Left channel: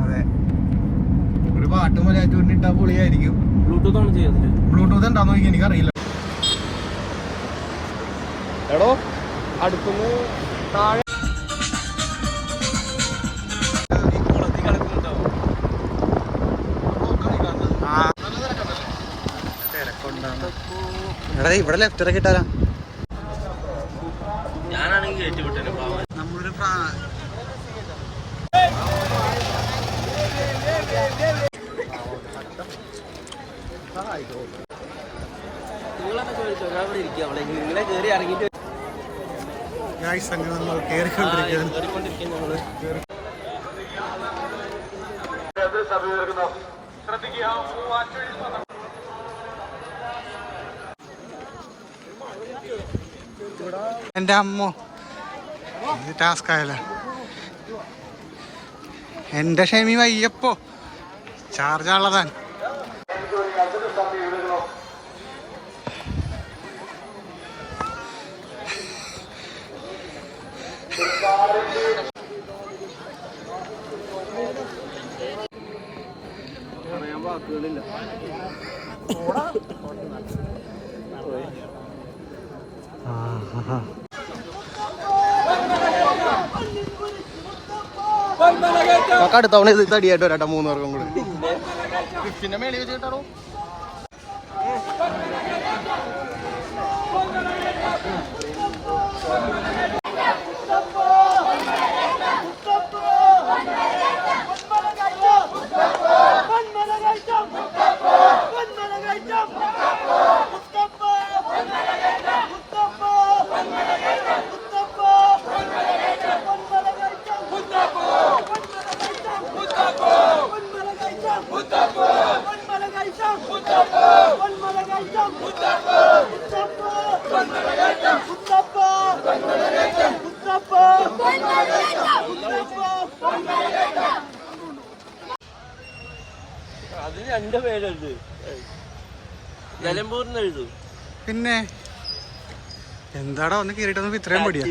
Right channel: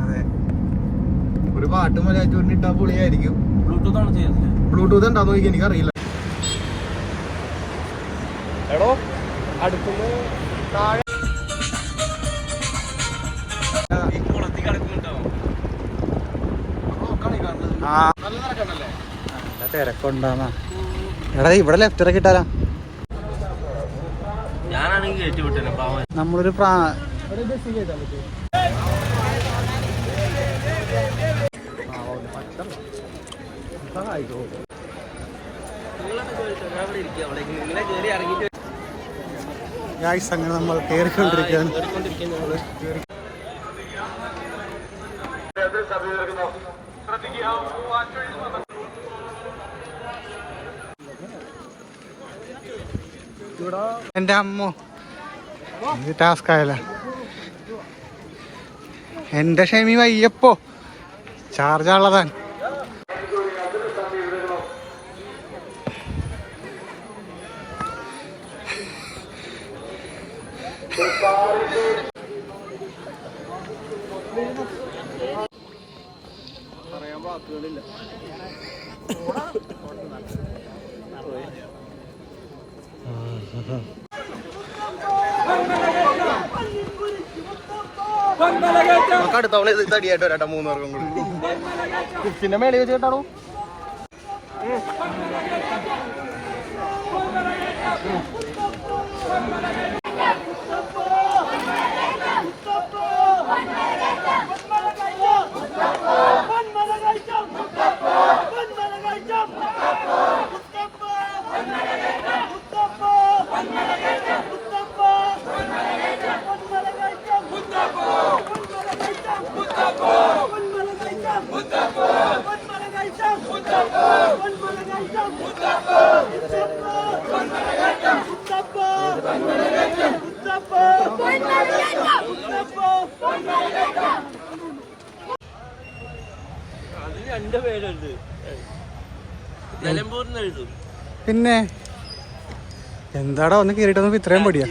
അതെ. ഒരു പാട്ട് മലയാറ്റൂരിന് പൊളിയായിരിക്കും. ബ്ലൂടൂത്ത് ആണ് ചെയ്യുന്നത് ബ്ലൂടൂത്ത് ഉണ്ടാന്ന് നോക്കി എനിക്കറിയില്ല. എടോ താഴെ ഇവിടെ ലെഫ്റ്റ് ഇറക്കി നമ്മളൊരു പ്രാ ഗായ്സ് അങ്ങനെ നമ്മൾ കയറിക്കൊണ്ടിരിക്കുകയാണ് എന്റെ അമ്മോ ടാസ്ക് ആയല്ലേ. എന്റെ ക്ഷമി വയ്യപ്പോ. ചാർജ് ഉള്ളതാണ് പറയാൻ വാക്കുകളില്ല നമുക്ക് അടുത്ത തവണ ഇത് തടിയായിട്ട് വരട്ടെ മൂന്ന് പേർക്കും കൂടി. പിന്നെ മേളിൽ വെച്ച് കേട്ടാണോ അത് രണ്ട് പിന്നെ എന്താടാ ഒന്ന് കേറിട്ടൊന്നും ഇത്രയും പടിയാ.